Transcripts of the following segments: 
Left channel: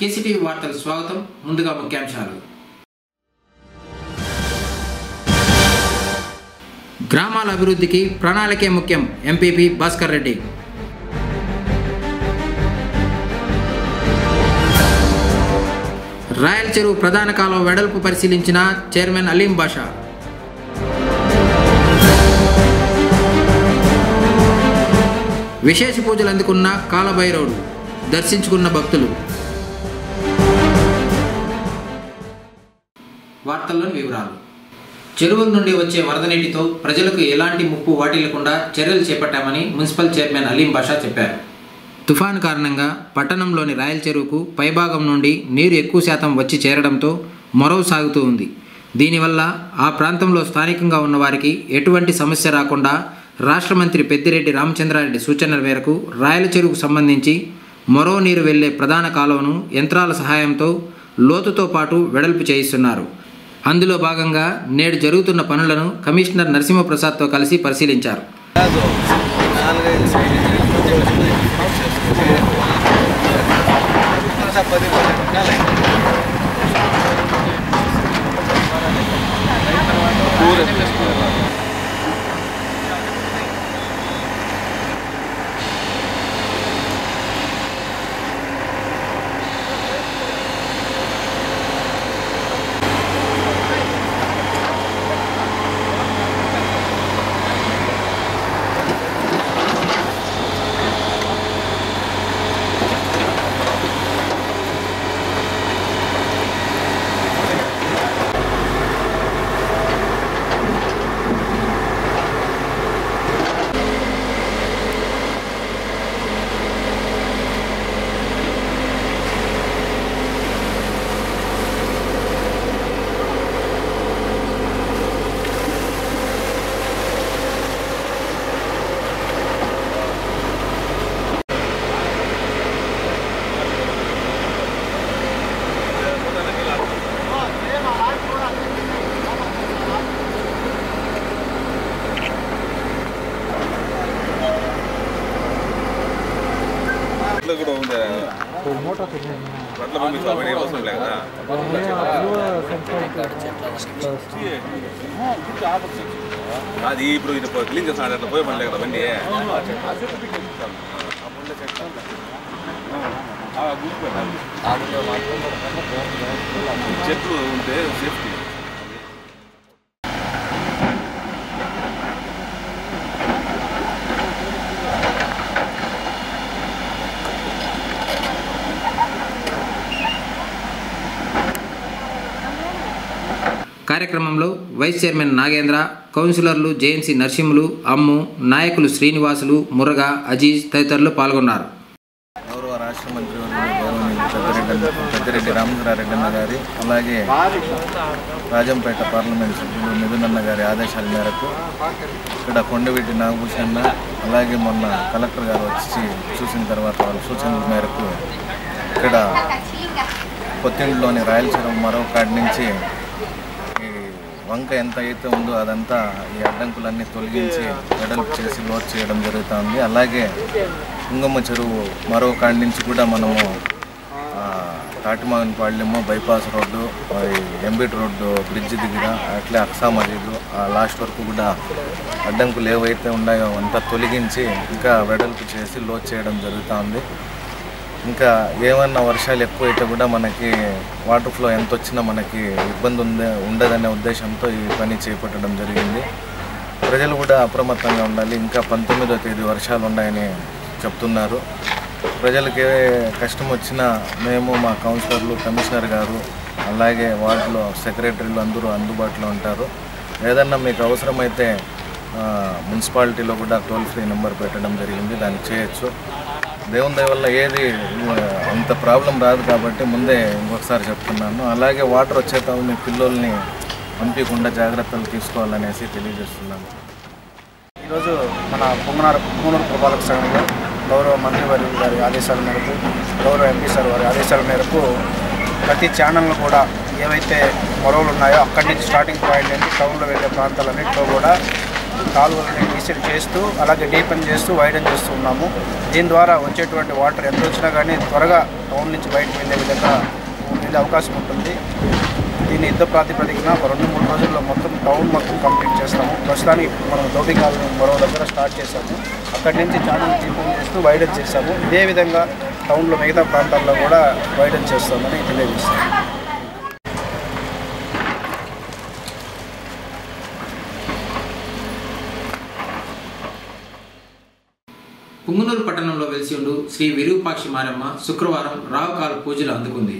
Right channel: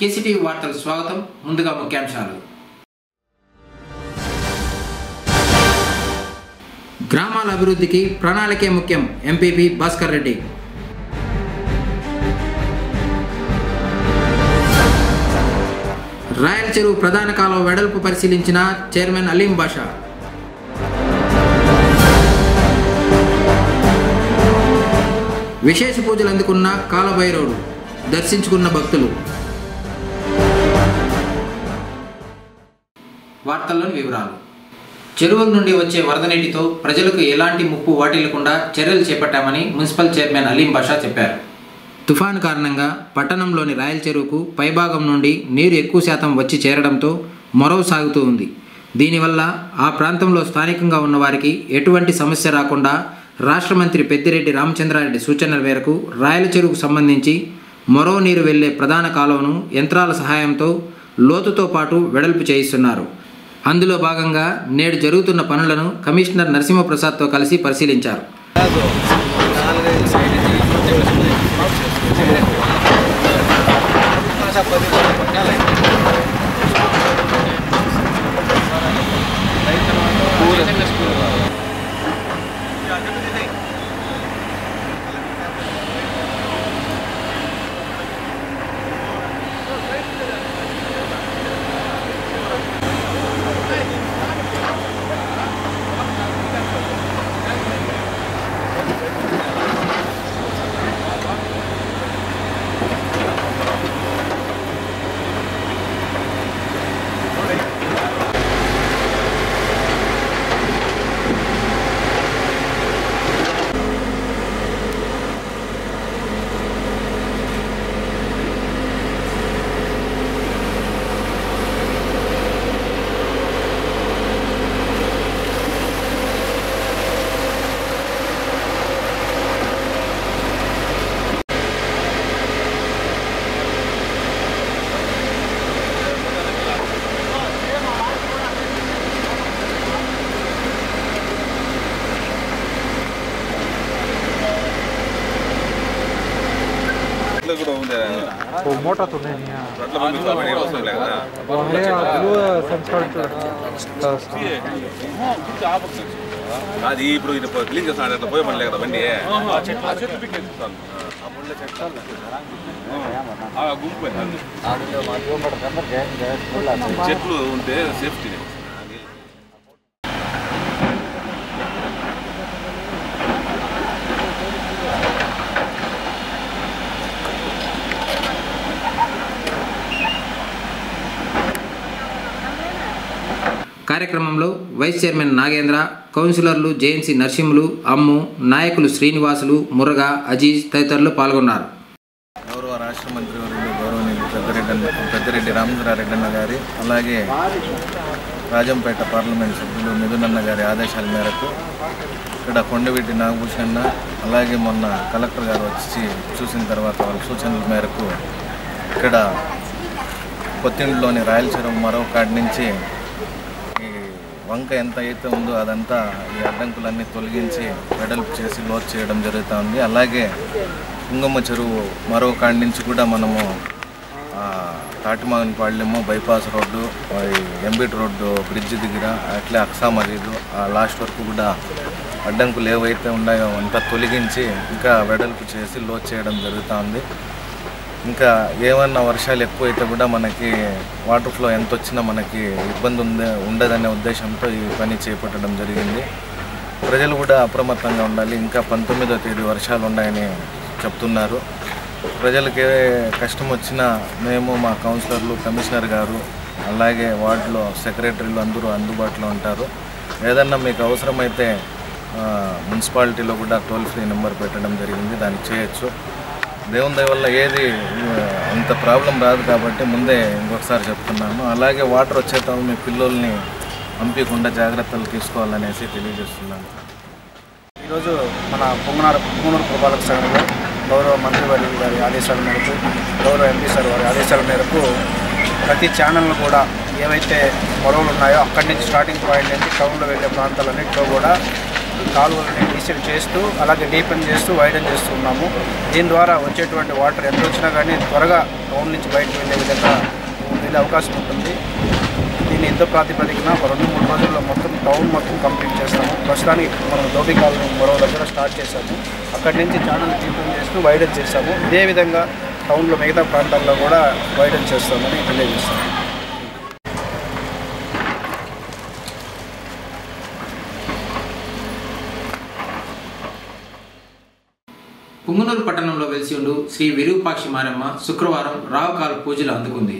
KCTV వార్తలు స్వాగతం. ముందుగా ముఖ్యాంశాలు. గ్రామాల అభివృద్ధికి ప్రణాళికే ముఖ్యం. ఎంపీపీ భాస్కర్ రెడ్డి. రాయల్ చెరువు ప్రధాన కాలువ వెడల్పు పరిశీలించిన చైర్మన్ అలీం బాషా. విశేష పూజలు అందుకున్న కాలభైరవుడు దర్శించుకున్న భక్తులు. వార్తల్లోని వివరాలు. చెరువుల నుండి వచ్చే వరద నీటితో ప్రజలకు ఎలాంటి ముప్పు వాటిల్లకుండా చర్యలు చేపట్టామని మున్సిపల్ చైర్మన్ అలీం బాషా చెప్పారు. తుఫాను కారణంగా పట్టణంలోని రాయల్ చెరువుకు పైభాగం నుండి నీరు ఎక్కువ శాతం వచ్చి చేరడంతో మొరవ సాగుతూ ఉంది. దీనివల్ల ఆ ప్రాంతంలో స్థానికంగా ఉన్న వారికి ఎటువంటి సమస్య రాకుండా రాష్ట్ర మంత్రి పెద్దిరెడ్డి రామచంద్రారెడ్డి సూచనల మేరకు రాయల చెరువుకు సంబంధించి మొరవ నీరు వెళ్లే ప్రధాన కాలువను యంత్రాల సహాయంతో లోతుతో పాటు వెడల్పు చేయిస్తున్నారు. అందులో భాగంగా నేడు జరుగుతున్న పనులను కమిషనర్ నరసింహప్రసాద్తో కలిసి పరిశీలించారు. అది ఇప్పుడు క్లీన్ చేస్తాడు అట్లా పోయి పని కదా బండి చెట్లు ఉంటే సేఫ్టీ. కార్యక్రమంలో వైస్ చైర్మన్ నాగేంద్ర, కౌన్సిలర్లు జేఎన్సీ నర్సింహులు, అమ్ము, నాయకులు శ్రీనివాసులు, మురగా, అజీజ్ తదితరులు పాల్గొన్నారు. గౌరవ రాష్ట్ర మంత్రి గౌరవనీయులు పెద్దిరెడ్డి రామచంద్రారెడ్డి అన్న గారి, అలాగే రాజంపేట పార్లమెంట్ సభ్యులు మిథునన్న గారి ఆదేశాల మేరకు ఇక్కడ కొండవీటి నాగభూషణ, అలాగే మొన్న కలెక్టర్ గారు వచ్చి చూసిన తర్వాత వాళ్ళ సూచనల మేరకు ఇక్కడ కొత్తిండ్లోని రాయల చెరువు మరో కాడి నుంచి వంక ఎంత అయితే ఉందో అదంతా ఈ అడ్డంకులన్నీ తొలగించి వెడల్పు చేసి లోతు చేయడం జరుగుతుంది. అలాగే కుంగమ్మ చెరువు మరో కాడి నుంచి కూడా మనము తాటిమాగనపాళ్యము బైపాస్ రోడ్డు, ఎంబీటి రోడ్డు బ్రిడ్జ్ దగ్గర, అట్లే అక్సా మజీదు లాస్ట్ వరకు కూడా అడ్డంకులు ఏవైతే ఉన్నాయో అంతా తొలగించి ఇంకా వెడల్పు చేసి లోతు చేయడం జరుగుతుంది. ఇంకా ఏమన్నా వర్షాలు ఎక్కువైతే కూడా మనకి వాటర్ ఫ్లో ఎంత వచ్చినా మనకి ఇబ్బంది ఉండదనే ఉద్దేశంతో ఈ పని చేపట్టడం జరిగింది. ప్రజలు కూడా అప్రమత్తంగా ఉండాలి. ఇంకా 19వ తేదీ వర్షాలు ఉన్నాయని చెప్తున్నారు. ప్రజలకి కష్టం వచ్చినా మేము, మా కౌన్సిలర్లు, కమిషనర్ గారు, అలాగే వార్డులో సెక్రటరీలు అందరూ అందుబాటులో ఉంటారు. ఏదన్నా మీకు అవసరమైతే మున్సిపాలిటీలో కూడా టోల్ ఫ్రీ నెంబర్ పెట్టడం జరిగింది, దాన్ని చేయొచ్చు. దేవుని దయ వల్ల ఏది అంత ప్రాబ్లం రాదు కాబట్టి ముందే ఇంకొకసారి చెప్తున్నాను. అలాగే వాటర్ వచ్చేట మీ పిల్లల్ని పంపించకుండా జాగ్రత్తలు తీసుకోవాలనేసి తెలియజేస్తున్నాను. ఈరోజు మన పొంగనూరు పురపాలక సంఘంలో గౌరవ మంత్రివర్యులు గారి ఆదేశాల మేరకు, గౌరవ ఎంపీ సార్ వారి ఆదేశాల మేరకు ప్రతి ఛానల్ను కూడా ఏవైతే మొరవలు ఉన్నాయో అక్కడి నుంచి స్టార్టింగ్ పాయింట్ నుంచి టౌన్లో వెళ్ళే ప్రాంతాలన్నింటిలో కూడా కాలువలని డీసెల్ చేస్తూ అలాగే డీపెన్ చేస్తూ వైడన్ చేస్తూ ఉన్నాము. దీని ద్వారా వచ్చేటువంటి వాటర్ ఎంత వచ్చినా కానీ త్వరగా టౌన్ నుంచి బయటకు వెళ్ళే విధంగా వెళ్ళే అవకాశం ఉంటుంది. దీన్ని యుద్ధ ప్రాతిపదికన ఒక 2-3 రోజుల్లో మొత్తం టౌన్ మొత్తం కంప్లీట్ చేస్తాము. ప్రస్తుతానికి మనం ధోబీ కాలనీ మరో దగ్గర స్టార్ట్ చేశాము. అక్కడి నుంచి ఛానల్ డీపెన్ చేస్తూ వైడన్ చేస్తాము. ఇదే విధంగా టౌన్లో మిగతా ప్రాంతాల్లో కూడా వైడన్ చేస్తామని తెలియజేస్తాము. పుంగనూరు పట్టణంలో వెలిసి ఉండు శ్రీ విరూపాక్షి మారమ్మ శుక్రవారం రావుకాల పూజలు అందుకుంది.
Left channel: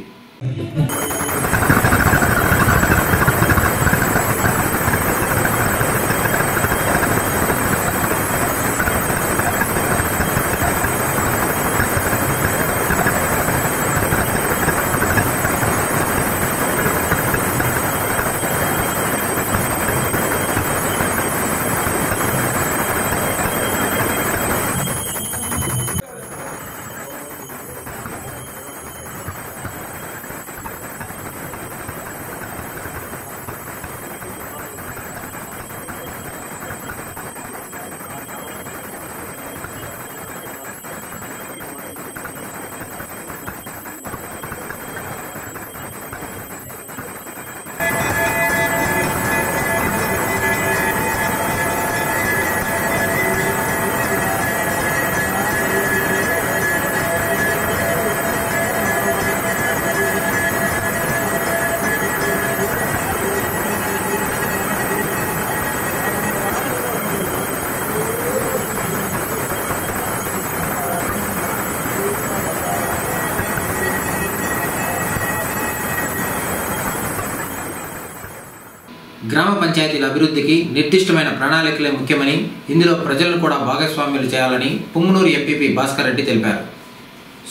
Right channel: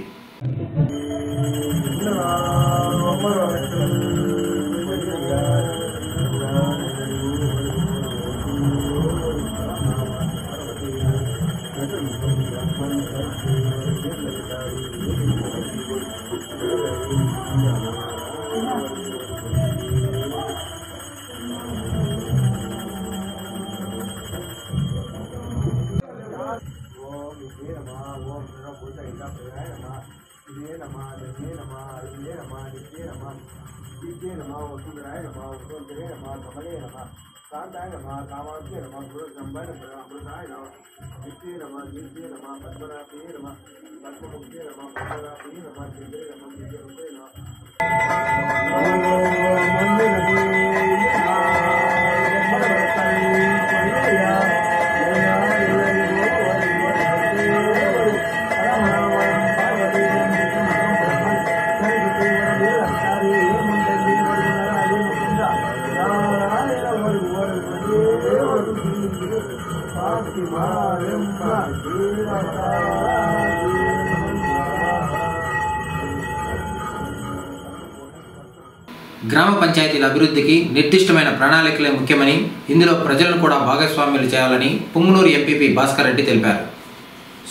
గ్రామ పంచాయతీల అభివృద్ధికి నిర్దిష్టమైన ప్రణాళికలే ముఖ్యమని, ఇందులో ప్రజలను కూడా భాగస్వామ్యులు చేయాలని పుంగనూరు ఎంపీపీ భాస్కర్ రెడ్డి తెలిపారు.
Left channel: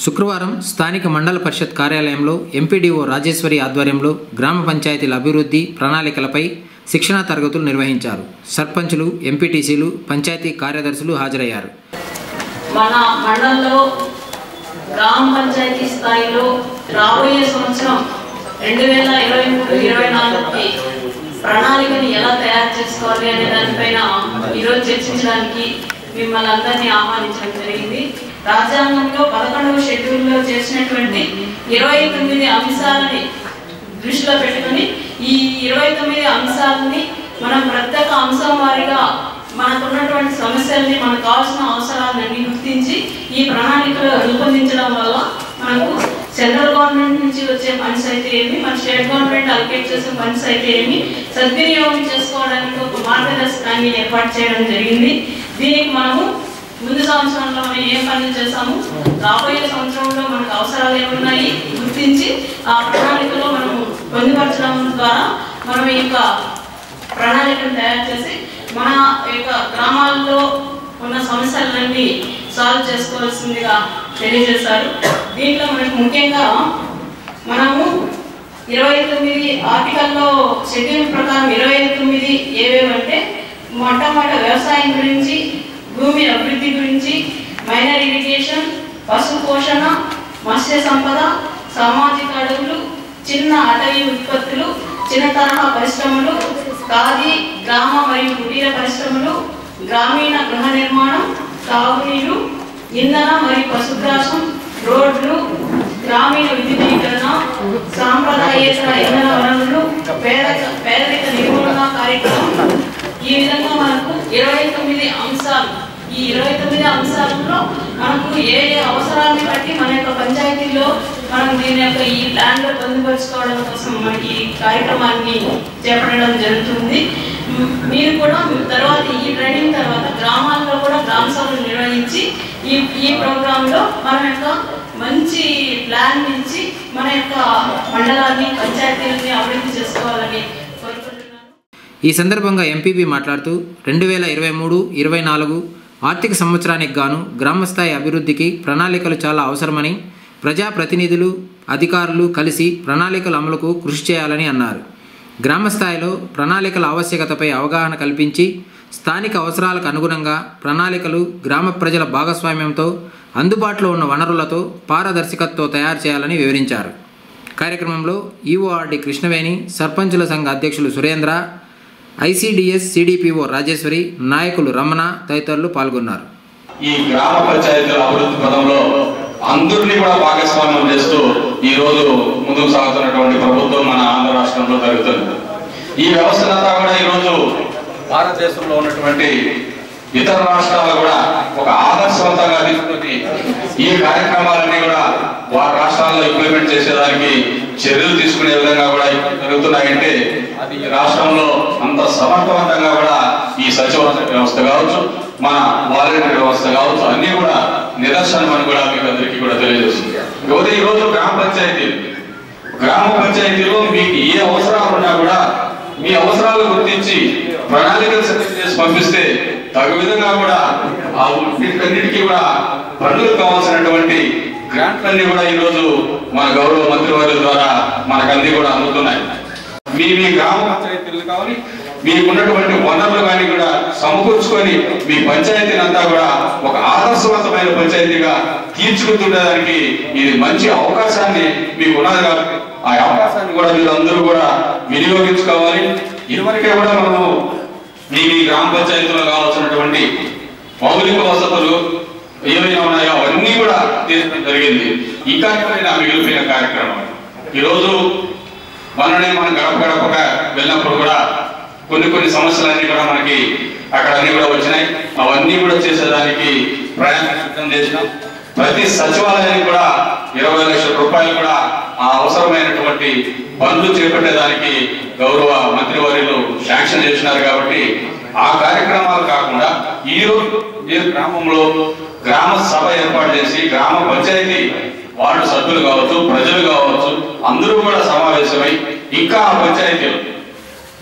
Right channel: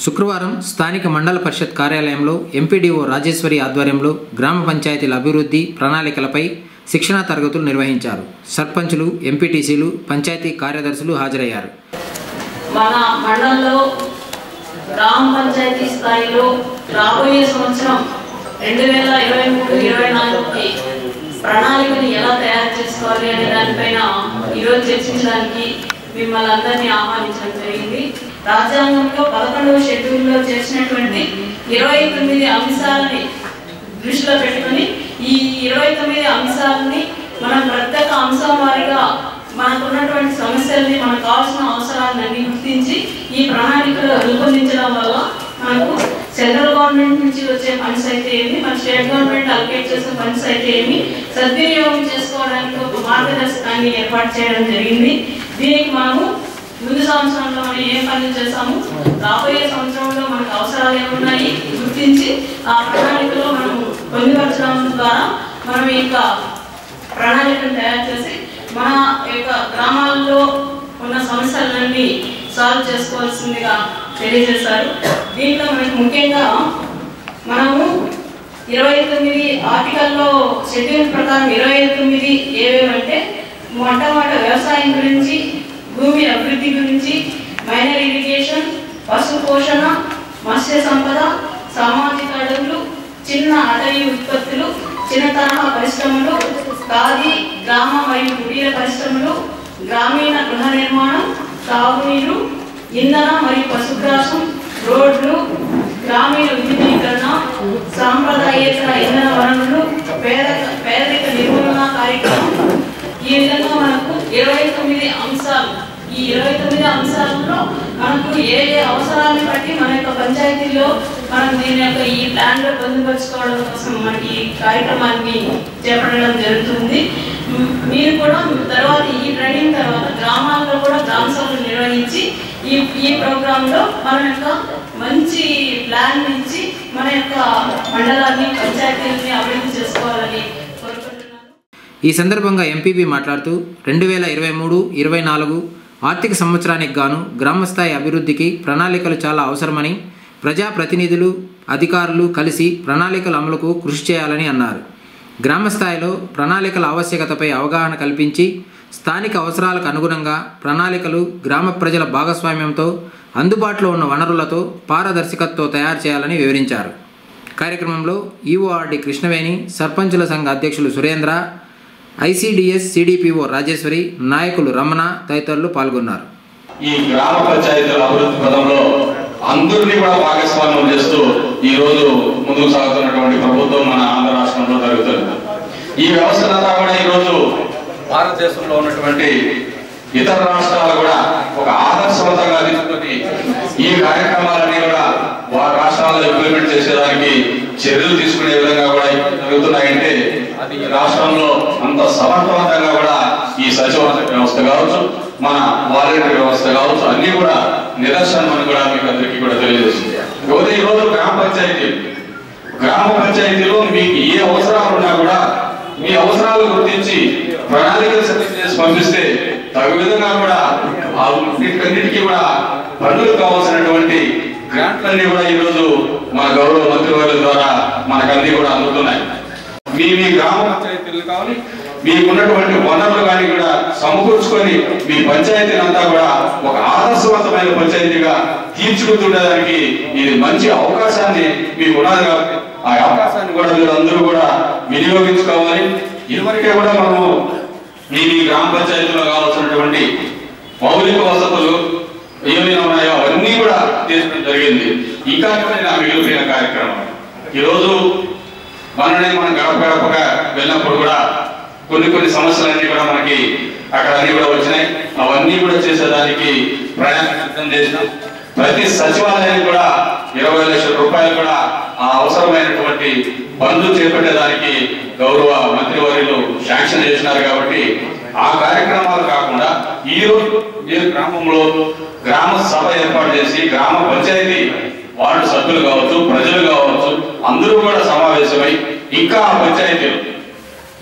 శుక్రవారం స్థానిక మండల పరిషత్ కార్యాలయంలో ఎంపీడీఓ రాజేశ్వరి ఆధ్వర్యంలో గ్రామ పంచాయతీల అభివృద్ధి ప్రణాళికలపై శిక్షణా తరగతులు నిర్వహించారు. సర్పంచులు, ఎంపీటీసీలు, పంచాయతీ కార్యదర్శులు హాజరయ్యారు. మన మండలంలో గ్రామ పంచాయతీ స్థాయిలో రాబోయే సంవత్సరం 2023-24కి ప్రణాళికని ఎలా తయారు చేసుకోవాలి అనే దానిపైన ఈరోజు చర్చించడానికి మిమ్మల్ని అందరినీ ఆహ్వానించడం జరిగింది. రాజ్యాంగంలో 11వ షెడ్యూల్లో చేసినటువంటి 29 అంశాలని దృష్టిలో పెట్టుకుని ఈ 29 అంశాలని మనం ప్రత్యేక అంశం వారీగా మనకున్నటువంటి సమస్యల్ని, మనకు కావాల్సిన అవసరాలన్నీ గుర్తించి ఈ ప్రణాళికలు రూపొందించడం వల్ల మనకు సెంట్రల్ గవర్నమెంట్ నుంచి వచ్చే ఫండ్స్ అయితే ఏమి, మన స్టేట్ గవర్నమెంట్ అలొకేట్ చేసే ఫండ్స్ అయితే ఏమి సద్వినియోగం చేసుకోవడానికి ఒక మార్గదర్శకాన్ని ఏర్పాటు చేయడం జరిగింది. దీనికి మనము ముందు సంవత్సరంలో మనం ఏం పనులు చేస్తాము, రాబోయే సంవత్సరంలో మనకు అవసరాలు ఏమున్నాయి గుర్తించి ఆ ప్రణాళికలో మనం పొందుపరచడం ద్వారా మనం ఈ యొక్క ప్రణాళికను తయారు చేసి మన యొక్క గ్రామాల్లో ఉన్న సమస్యలన్నీ సాల్వ్ చేసుకోవాల్సిందిగా తెలియజేశారు. దీంట్లో మనకు ముఖ్యంగా మనము 29 ఆర్టికల్లో షెడ్యూల్ ప్రకారం 29 ఏవేవంటే మొట్టమొదటి వ్యవసాయం గురించి, భూమి అభివృద్ధి గురించి, మైనర్ ఇరిగేషన్, పశు పోషణ, మత్స్య సంపద, సామాజిక అడవులు, చిన్న అటవీ ఉత్పత్తులు, చిన్న తరహా పరిశ్రమలు, ఖాదీ, గ్రామ మరియు కుటీర పరిశ్రమలు, గ్రామీణ గృహ నిర్మాణం, తాగునీరు, ఇంధన మరియు పశుగ్రాసం, రోడ్లు, గ్రామీణ విద్యుదీకరణ, సాంప్రదాయేతర ఇంధన వనరులు, పేదరిక నిర్మూలన కార్యక్రమం. ఈ విధంగా మనకు 29 అంశాలు. ఈ 29 అంశాలలో మనకు ఏ ఏ అవసరాన్ని బట్టి మన యొక్క పంచాయతీలో మనం దీని యొక్క ఈ ప్లాన్లో పొందుపరుచుకోవడం కోసం మనకి ఈ కార్యక్రమాన్ని చేపట్టడం జరుగుతుంది. మీరు కూడా తర్వాత ఈ ట్రైనింగ్ తర్వాత గ్రామాల్లో కూడా గ్రామ సభలు నిర్వహించి ఈ ప్రోగ్రాంలో మన యొక్క మంచి ప్లాన్ నుంచి మన యొక్క మండలాన్ని, పంచాయతీలని అభివృద్ధి చేసుకోవాలని కోరుకుంటున్నాను. ఈ సందర్భంగా ఎంపీపీ మాట్లాడుతూ 2023-24 ఆర్థిక సంవత్సరానికి గాను గ్రామస్థాయి అభివృద్ధికి ప్రణాళికలు చాలా అవసరమని, ప్రజాప్రతినిధులు, అధికారులు కలిసి ప్రణాళికల అమలుకు కృషి చేయాలని అన్నారు. గ్రామస్థాయిలో ప్రణాళికల ఆవశ్యకతపై అవగాహన కల్పించి స్థానిక అవసరాలకు అనుగుణంగా ప్రణాళికలు గ్రామ ప్రజల భాగస్వామ్యంతో అందుబాటులో ఉన్న వనరులతో పారదర్శకతతో తయారు చేయాలని వివరించారు. కార్యక్రమంలో ఈఓఆర్డి కృష్ణవేణి, సర్పంచుల సంఘ అధ్యక్షులు సురేంద్ర, ఐసిడిఎస్ సిడిపిఓ రాజేశ్వరి, నాయకులు రమణ తదితరులు పాల్గొన్నారు. ఈ గ్రామ పంచాయతీల అభివృద్ధి పదంలో అందరినీ కూడా భాగస్వామ్యం చేస్తూ ఈ రోజు ముందుకు సాగుతున్నటువంటి ప్రభుత్వం మన ఆంధ్ర రాష్ట్రంలో జరుగుతుంది. ఈ వ్యవస్థలంతా కూడా ఈరోజు భారతదేశంలో ఉన్నటువంటి ఇతర రాష్ట్రాలు కూడా ఒక ఆదర్శవంతంగా తీసుకొని ఈ కార్యక్రమాలన్నీ కూడా వారి రాష్ట్రాల్లో ఇంప్లిమెంట్ చేసేదానికి చర్యలు తీసుకునే విధంగా కూడా జరుగుతున్నాయంటే అది ఈ రాష్ట్రంలో అంత సమర్థవంతంగా కూడా ఈ సచివాలయ వ్యవస్థ కావచ్చు, మన వాలంటీర్ వ్యవస్థ కావచ్చు, అన్ని కూడా నిదర్శనం అని కూడా మీకు అందరికీ కూడా తెలియజేస్తుంది. ఈ రోజు గ్రామ పంచాయతీలో మీకు ఏ అవసరాలు ఉన్నా కూడా మీ అవసరాలు గుర్తించి ప్రణాళికలు సిద్ధం చేసి పంపిస్తే తగు విధంగా కూడా వీటన్నిటికీ కూడా పనులు కావాల్సినటువంటి గ్రాంట్లన్నీ కూడా ఈ రోజు మన గౌరవ మంత్రివర్యుల ద్వారా మనకన్నీ కూడా అందుతున్నాయి. మీ గ్రామ పంచాయతీలు కానీ మీకున్నటువంటి వనరులు కానీ కూడా సమకూర్చుకొని మీ పంచాయతీలంతా కూడా ఒక ఆదర్శవంతమైన పంచాయతీగా తీర్చిదిద్దడానికి ఇది మంచి అవకాశాన్ని మీకు ఉన్నది కాబట్టి ఆ అవకాశాన్ని కూడా మీరు అందరూ కూడా వినియోగించుకోవాలి. ఇదివరకే కూడా మనము మీ గ్రామ పంచాయతీలో కావాల్సినటువంటి మౌలిక వసతులు ఏమైనా ఉన్నాయో అవన్నీ కూడా తీసుకోవడం జరిగింది. ఇంకా ఏమైనా మిగిలిపోయిన కార్యక్రమం ఈరోజు మనని మనం గడపగా వెళ్ళినప్పుడు కూడా కొన్ని సమస్యలన్నీ కూడా మనకి అక్కడ అన్ని కూడా వచ్చినాయి. అవన్నీ కూడా చేసేదానికి ప్రయాణం సిద్ధం చేసినాం. ప్రతి సచివాలయానికి కూడా 20 లక్షల రూపాయలు కూడా ఆ అవసరమైనటువంటి పనులు చేపట్టేదానికి గౌరవ మంత్రివర్యులు శాంక్షన్ చేసినారు. కాబట్టి ఆ కార్యక్రమాలు కాకుండా ఈ రోజు మీరు గ్రామంలో గ్రామ సభ ఏర్పాటు చేసి గ్రామ పంచాయతీ వార్డు సభ్యులు కావచ్చు, ప్రజలు కావచ్చు, అందరూ కూడా సమావేశమై ఇంకా ఆ పంచాయతీలు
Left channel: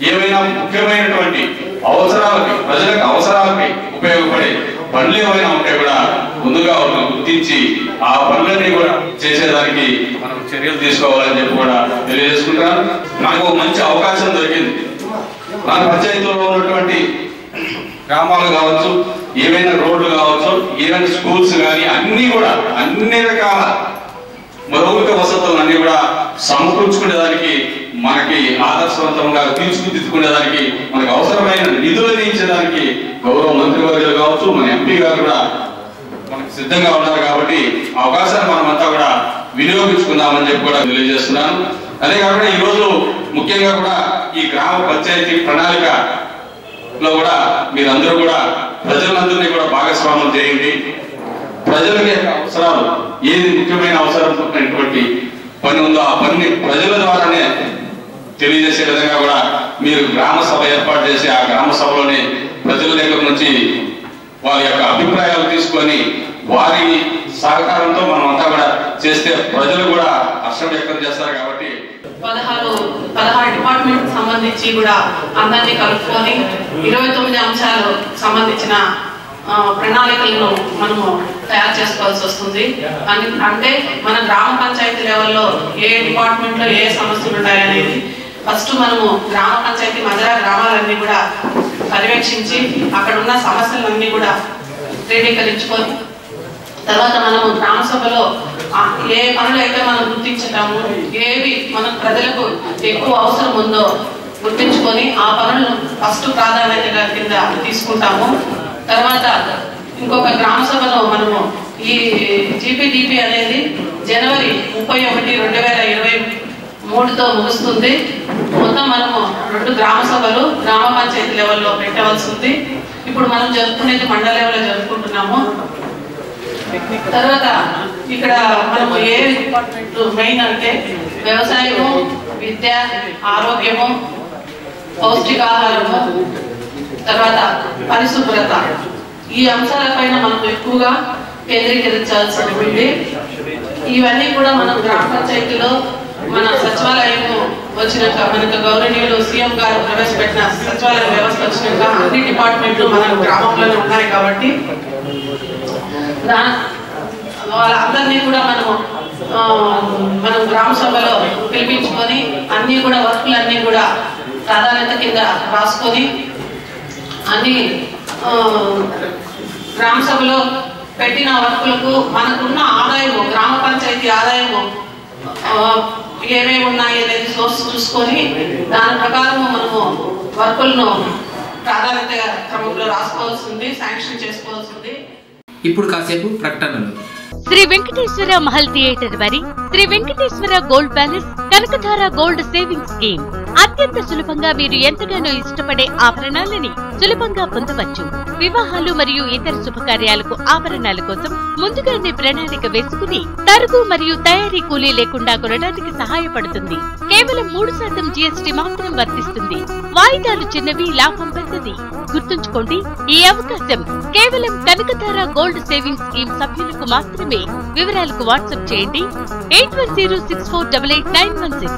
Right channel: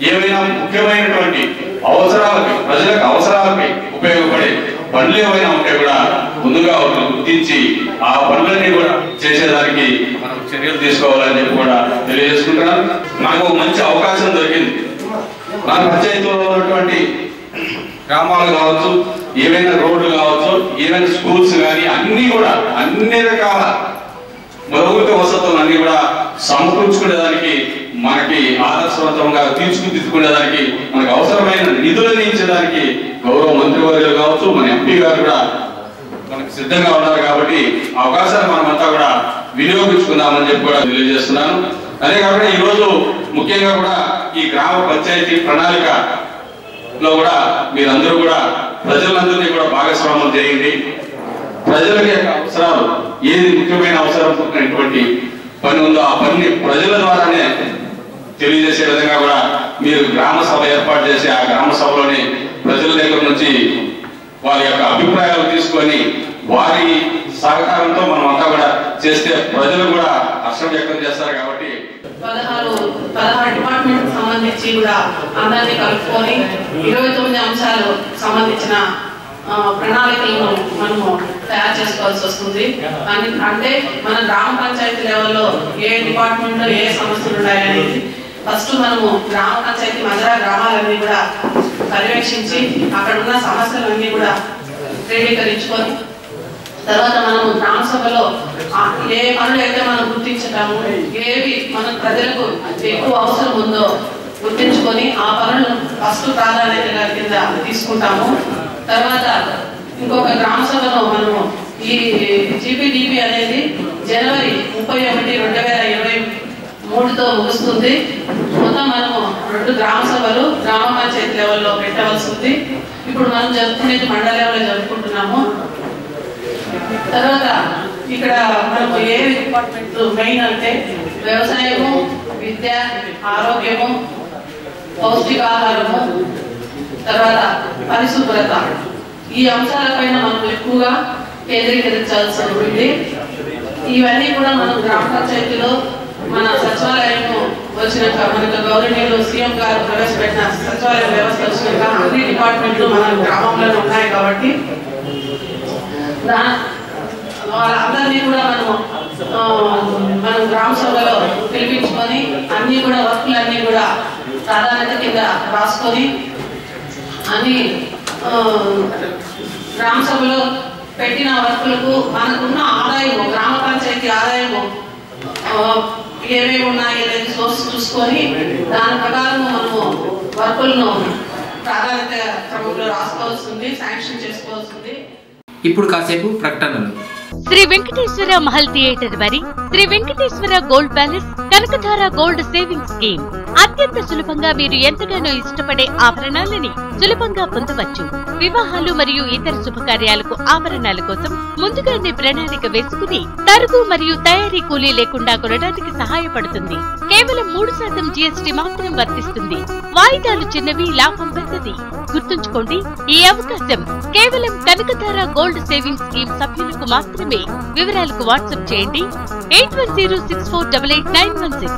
ఏమైనా ముఖ్యమైనటువంటి అవసరాలకి ప్రజలకు అవసరాలకి ఉపయోగపడే పనులు ఏమైనా ఉంటే కూడా ముందుగా గుర్తించి ఆ పనులన్నీ కూడా చేసేదానికి మనం చర్యలు తీసుకోవాలని చెప్పి కూడా తెలియజేసుకుంటున్నాను. నాకు మంచి అవకాశం దొరికింది. మన పంచాయతీలో ఉన్నటువంటి గ్రామాలు కావచ్చు, ఏమైనా రోడ్లు కావచ్చు, ఏమైనా స్కూల్స్ కానీ అన్ని రకాల మౌలిక వసతులు అన్ని కూడా సమకూర్చుకునేదానికి మనకి ఆదర్శవంతంగా తీర్చిదిద్దుకునేదానికి మనకు అవసరమైన నిధులను ఇచ్చేదానికి గౌరవ మంత్రివర్యులు కావచ్చు, మన ఎంపీ గారు కూడా మనకు సిద్ధంగా ఉన్నారు. కాబట్టి అవకాశాన్ని మనమంతా కూడా వినియోగించుకుందామని చెప్పి కూడా తెలియజేస్తున్నాను. అదే కాకుండా ఈరోజు ముఖ్యంగా కూడా ఈ గ్రామ పంచాయతీ ప్రణాళికలో కూడా మీరందరూ కూడా ప్రజలందరినీ కూడా భాగస్వామ్యం చేయండి. ప్రజలకి అవసరాలు ఏది ముఖ్యమైన అవసరం ఉన్నటువంటి పని ఉందో ఆ పనిని ప్రజల ద్వారానే తెలియజేసే విధంగా కూడా మీరు గ్రామ సభ ఏర్పాటు చేసి ఆ గ్రామ సభలోనే ప్రజల దగ్గర నుంచి వారి యొక్క అభిప్రాయాలు తీసుకొని వారి సహకారంతో మనం అంతా కూడా చేస్తే ప్రజలు కూడా హర్షం వ్యక్తం చేస్తారు. కాబట్టి 16 డిపార్ట్మెంట్ సంబంధించి కూడా అందరినీ కలుపుకొని 29 అంశాలు సంబంధించిన ప్రణాళికలను మనము తయారు చేసుకోవాల్సి వస్తుంది. అంటే మన గ్రామ పంచాయతీ లెవెల్లో ఏ డిపార్ట్మెంట్లో ఏ సమస్యలు ఉన్నాయనేది ఫస్ట్ మనము గ్రామ పంచాయతీ మధ్య గ్రామాలన్నీ కూడా పర్యవేక్షించి అక్కడ ఉన్న సమస్యలన్నీ కూడా ధృవీకరించుకొని తర్వాత మనము గ్రామ సభలో ఏ పనులు అయితే మనం గుర్తించుతాము, ఏవి మన ప్రజలకు ఎక్కువ అవసరం ఉందో గుర్తించుకొని ఆ పనులను ఫస్ట్ ప్రాధాన్యతగా కింద తీసుకుంటాము. తర్వాత ఇంకొక గ్రామ సభలో మనము ఈ జీపీడీపీ అనేది జనవరి 31, 2023తో ముగుస్తుంది. మొత్తం మనము 2 గ్రామ సభలు గ్రామ పంచాయతీ లెవెల్లో పెట్టవలసి ఉంది. ఇప్పుడు మనం జరుపుకునేది మండల లెవెల్లో జరుపుకుంటున్నాము. తర్వాత ఇక్కడ మనము ఏ డిపార్ట్మెంట్ మెయిన్ అంటే వ్యవసాయము, విద్య, ఆరోగ్యము, పౌష్టికాహారము, తర్వాత పరిశుభ్రత ఈ అంశాలపైన మనం ఎక్కువగా కేంద్రీకరించాల్సి ఉంటుంది. ఇవన్నీ కూడా మనం గ్రామ పంచాయతీలో మన సచివాలయము వచ్చినాక మనకు గవర్నమెంట్ సీఎం గారు ప్రవేశపెట్టిన సచివాలయ వ్యవస్థ వచ్చినాక అన్ని డిపార్ట్మెంట్లు మన గ్రామంలోనే ఉన్నాయి. కాబట్టి వాళ్ళందరినీ కూడా మనం గ్రామ సభలో పిలిపించుకొని అన్ని కూడా వర్కులన్నీ కూడా ప్రాధాన్యత కింద రాసుకొని అన్ని గ్రామ సభలో పెట్టిన వర్కులకు మనకున్న ఆదాయము గ్రామ పంచాయతీ ఆదాయము ఏమేమి ఉన్నాయి అనేది సోర్స్ చూసుకొని దాని ప్రకారం మనము వర్కులను ప్రాధాన్యత క్రమంలో రాసుకోవాల్సింది, శాంక్షన్ చేసుకోవాల్సింది. ఇప్పుడు కాసేపు ప్రకటనలు. శ్రీ వెంకటేశ్వర మహల్ థియేటర్ వారి Sri Venkateswara gold palace Kanakadhara gold saving scheme. అత్యంత సులభంగా మీరు ఎంతగానో ఇష్టపడే ఆభరణాలని సులభంగా పొందవచ్చు. వివాహాలు మరియు ఇతర శుభకార్యాలకు ఆభరణాల కోసం ముందుగానే ప్రణాళిక వేసుకుని తరుగు మరియు తయారీ కూలీ లేకుండా కొనడానికి సహాయపడుతుంది. కేవలం 3% GST మాత్రం వర్తిస్తుంది. వాయిదాలు చిన్నవి, లాభం పెద్దది. గుర్తుంచుకోండి, ఈ అవకాశం కేవలం కనకధార గోల్డ్ సేవింగ్ స్కీమ్ సభ్యులకు మాత్రమే. వివరాలకు వాట్సాప్ చేయండి 8106488916.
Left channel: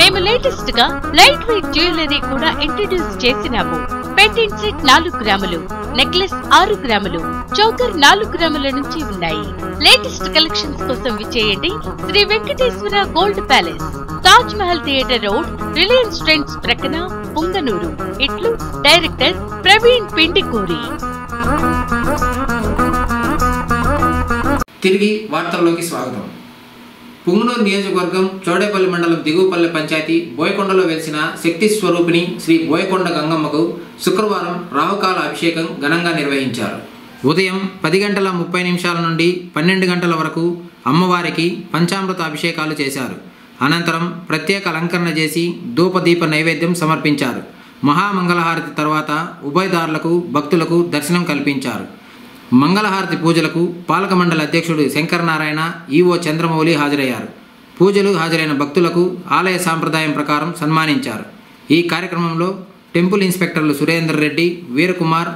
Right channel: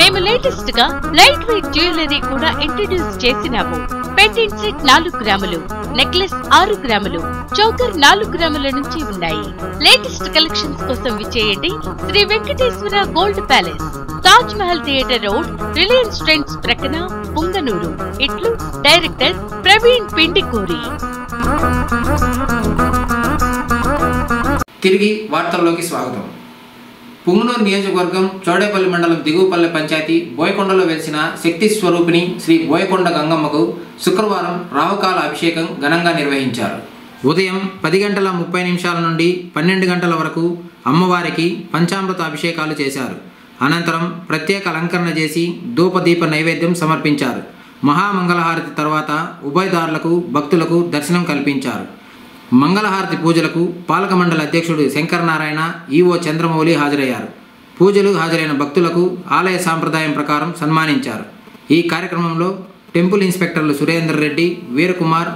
మేము లేటెస్ట్ గా లైట్ వెయిట్ జ్యువెలరీ కూడా ఇంట్రడ్యూస్ చేసినాము. పెండెంట్ సెట్ 4 గ్రాములు, నెక్లెస్ 6 గ్రాములు, చౌకర్ 4 గ్రాముల నుంచి ఉన్నాయి. లేటెస్ట్ కలెక్షన్స్ కోసం విచ్చేయండి Sri Venkateswara gold palace, Taj Mahal theatre road, Reliance Trends ప్రక్కన, పుంగనూరు. ఇట్లు డైరెక్టర్ ప్రవీణ్ పిండికూరి. తిరిగి వార్తల్లోకి స్వాగతం. పుంగనూరు నియోజకవర్గం చౌడేపల్లి మండలం దిగువపల్లె పంచాయతీ బోయకొండలో వెలిసిన శక్తి స్వరూపిణి శ్రీ బోయకొండ గంగమ్మకు శుక్రవారం రాహుకాల అభిషేకం ఘనంగా నిర్వహించారు. ఉదయం 10:30 నుండి 12 వరకు అమ్మవారికి పంచామృత అభిషేకాలు చేశారు. అనంతరం ప్రత్యేక అలంకరణ చేసి ధూపదీప నైవేద్యం సమర్పించారు. మహామంగళహారతి తర్వాత ఉభయదారులకు భక్తులకు దర్శనం కల్పించారు. మంగళహారతి పూజలకు పాలక మండలి అధ్యక్షుడు శంకరనారాయణ, ఈవో చంద్రమౌళి హాజరయ్యారు. పూజలు హాజరైన భక్తులకు ఆలయ సాంప్రదాయం ప్రకారం సన్మానించారు. ఈ కార్యక్రమంలో టెంపుల్ ఇన్స్పెక్టర్లు సురేందర్ రెడ్డి, వీరకుమార్,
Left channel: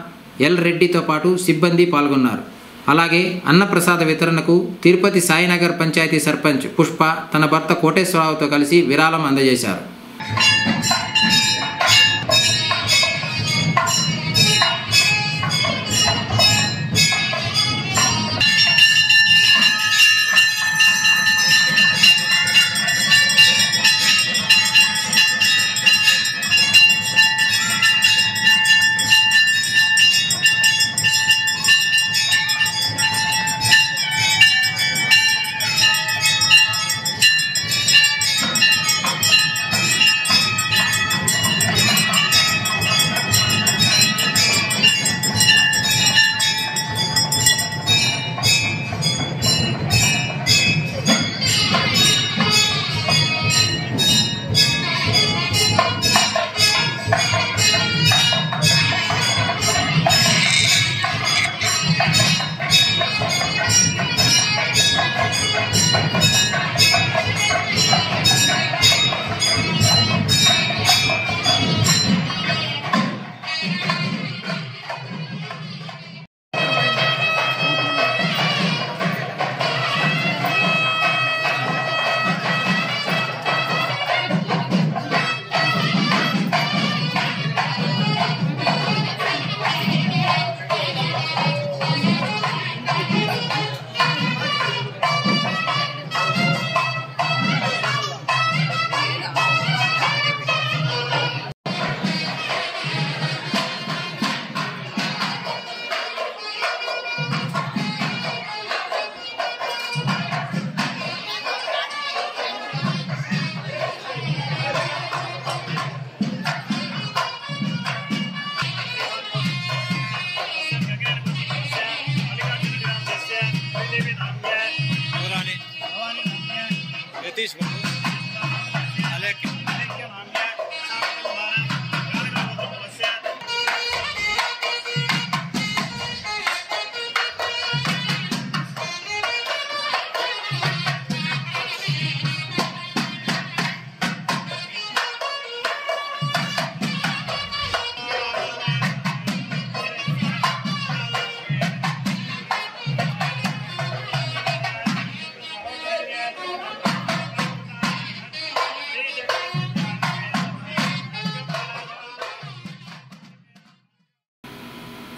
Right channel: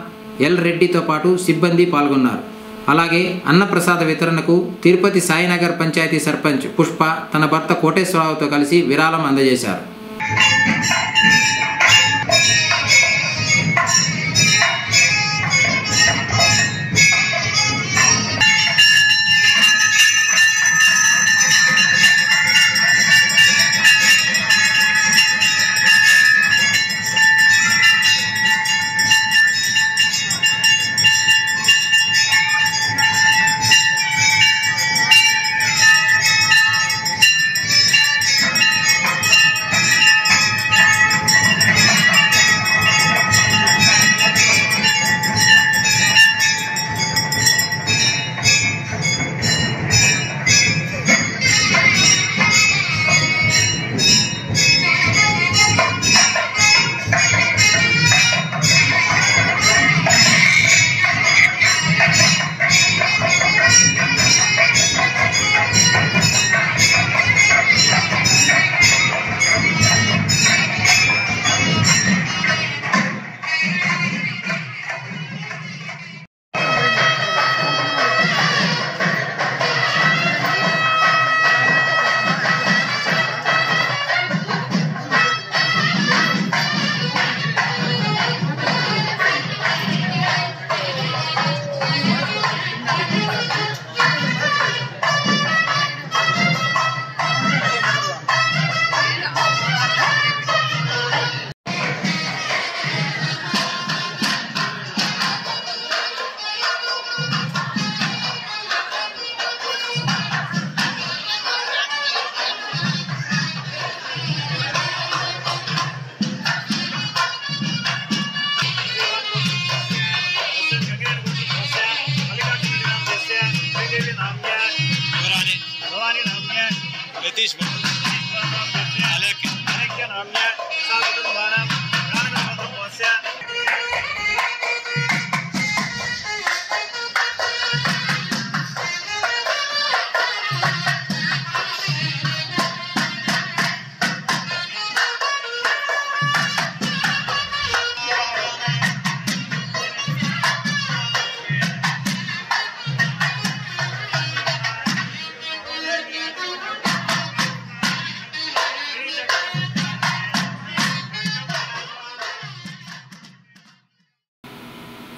ఎల్ రెడ్డితో పాటు సిబ్బంది పాల్గొన్నారు. అలాగే అన్నప్రసాద వితరణకు తిరుపతి సాయినగర్ పంచాయతీ సర్పంచ్ పుష్ప తన భర్త కోటేశ్వరరావుతో కలిసి విరాళం అందజేశారు.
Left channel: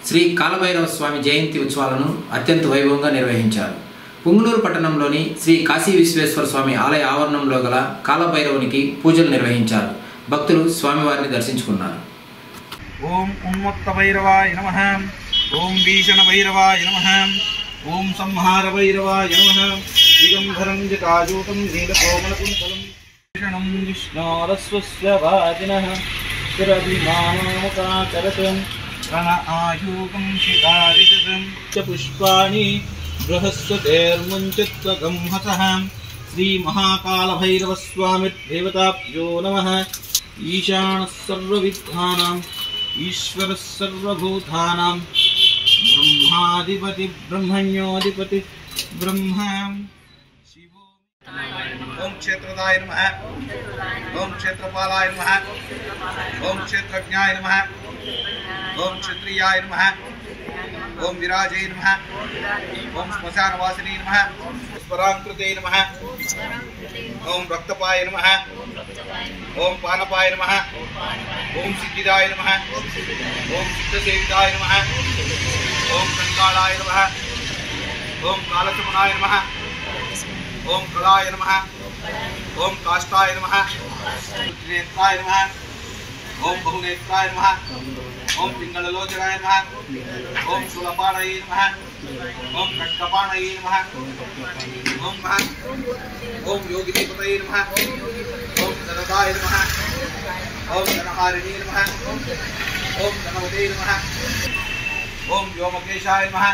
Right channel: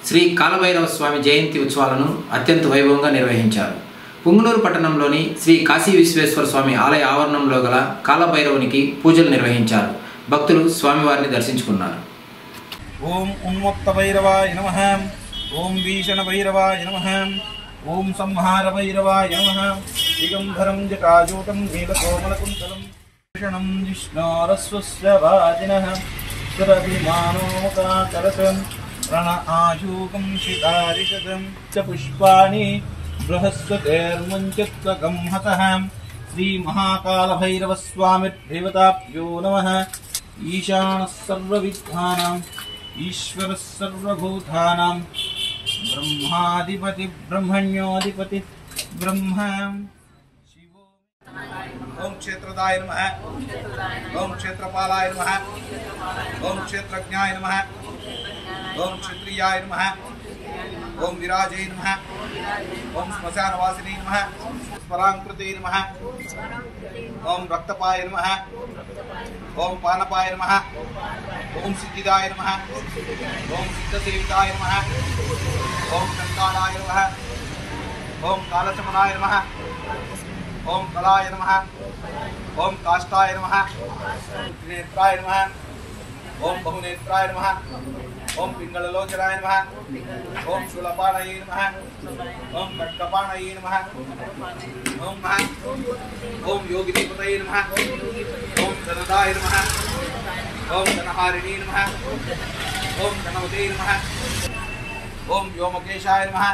శ్రీ కాలభైరవ స్వామి జయంతి ఉత్సవాలను అత్యంత వైభవంగా నిర్వహించారు. పుంగనూరు పట్టణంలోని శ్రీ కాశీ విశ్వేశ్వర స్వామి ఆలయ ఆవరణంలో గల కాలభైరవునికి పూజలు నిర్వహించారు. భక్తులు స్వామివారిని దర్శించుకున్నారు. ఓం ఉన్మత్త భైరవాయ నమః, ఓం భీషణ భైరవాయ నమః, ఓం సంహార భైరవాయ నమః. దిగంబరం జటాజూటం నీలకోమలకుంతలం భీషణం విష్ణోరస్వస్య వాదినః సురభిమానోముఖాకరతం ప్రణఆయూకం శిఖారిశతం చ పుష్పాణి बृहस्पतेर्मुञ्चित्वगं हतः श्रीमहाकालभैरवस्वामिर्देवताभ्यो नमः। ईशानः सर्वविद्यानाम् ईश्वरः सर्वभूतानां ब्रह्माधिपति ब्रह्मण्योधिपति ब्रह्मा। ओम क्षेत्रदाय नमः। ओम क्षेत्रपालाय नमः। ओम क्षेत्रज्ञाय नमः। ओम क्षत्रियाय नमः। ओम विराजय नमः। ओम श्मशानवासिनी नमः। स्मरांकृते नमः। ओम रक्तपाय नमः। ओम पानपाय नमः। ओम सिद्धिदाय नमः। ओम सिद्धसेविताय नमः। ओम कंकालाय नमः। ओम कालसमनाय नमः। ओम कलाय नमः। ओम काष्ठाय नमः। नेत्राय नमः। ओम बहुनेत्राय नमः। ओम पिंगललोचनाय नमः। ओम शूलपाणये नमः। ओम खड्गपाणये नमः। ओम ओम योगिनीपतये नमः। ओम धनदाय नमः। ओम धनहारिणे नमः। ओम धनवते नमः। ओम व्योमकेशाय नमः।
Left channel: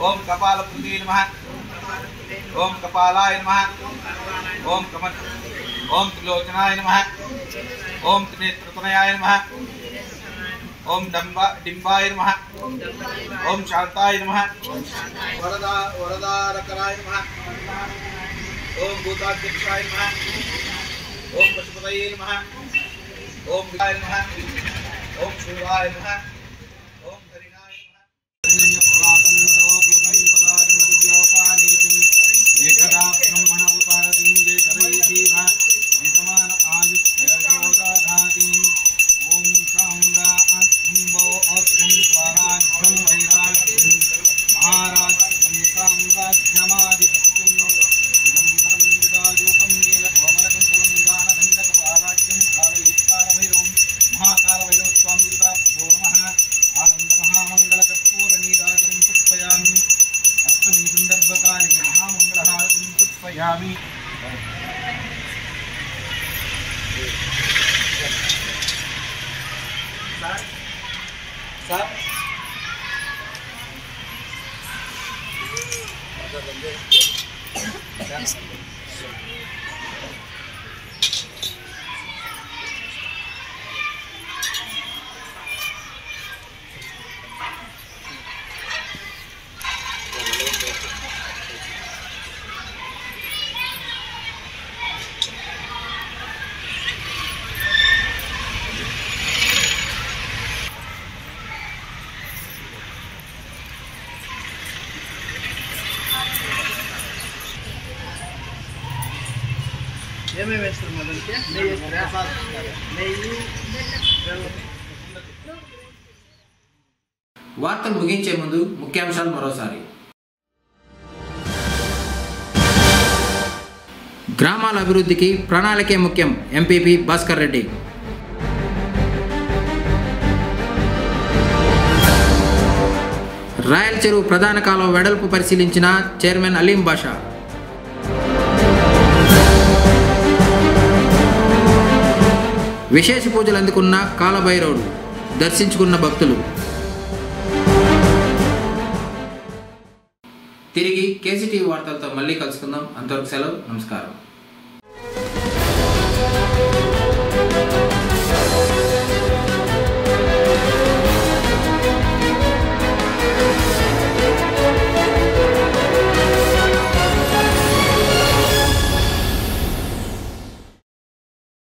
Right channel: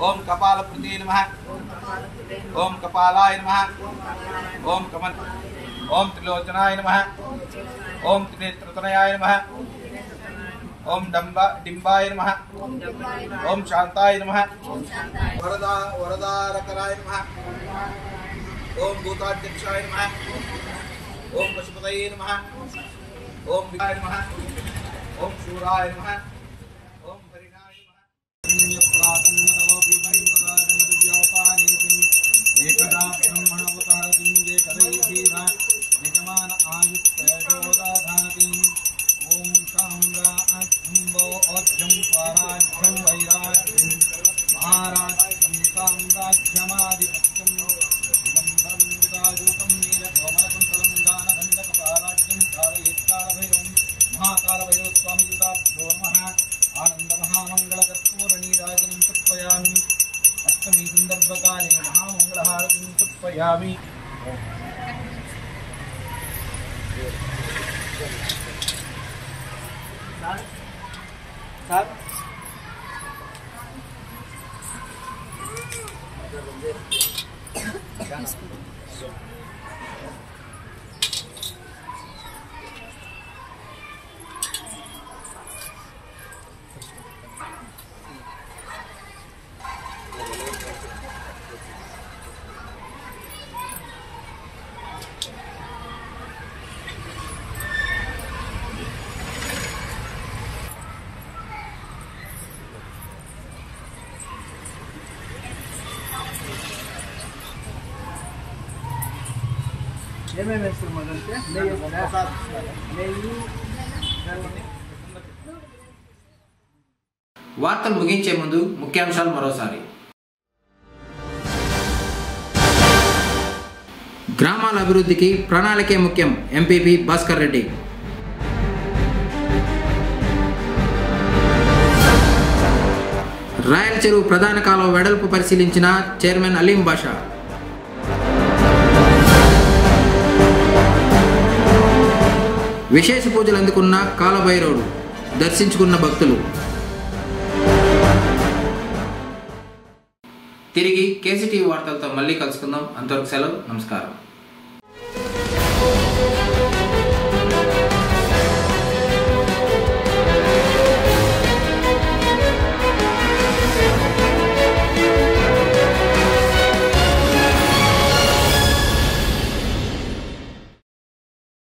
ओम कपालपते नमः। ओम कपालाय नमः। ओम कमल ओम त्रिलोचनाय नमः। ओम त्रिनेत्रतनयाय नमः। ओम डिंबाय नमः। ओम शांताय नमः। वरदारकराय नमः। ओम भूताध्यक्षाय नमः। ओम पशुपतये नमः। ओम विदाय नमः। ओम शूराय नमः। ओम हरिणाय नमः। एकदा ब्रह्मण उपहरतिं देकरैधीव यजमान आयुष्ययोदाघातिं। ओम शाम्राज्यम्बो ओज्जं स्वाराज्यं वैराज्यं महाराज्यं साम्राज्यमाधिपत्यं दिगम्बरं विराजूतं नीलकोमलकुन्तलं गानगन्धकपालाज्यं कालयुक्तालभैरवं महाकालभैरवस्वामियुताभ्यो नमः। आनन्दमहामङ्गलकर्पूरनीराजनं तर्पयामि। अष्टमी संदर्भकाले महामंगलहारतिं तर्पयामि। వార్తలు ముగించే ముందు ముఖ్యాంశాలు మరోసారి. గ్రామాల అభివృద్ధికి ప్రణాళికే ముఖ్యం ఎంపీపీ భాస్కర్ రెడ్డి. రాయల్ చెరువు ప్రధాన కాలువ వెడల్పు పరిశీలించిన చైర్మన్ అలీం బాషా. విశేష పూజలు అందుకున్న కాలభైరవుడు దర్శించుకున్న భక్తులు. తిరిగి కేసీటీవీ వార్తలతో మళ్ళీ కలుసుకుందాం. అంతవరకు సెలవు. నమస్కారం.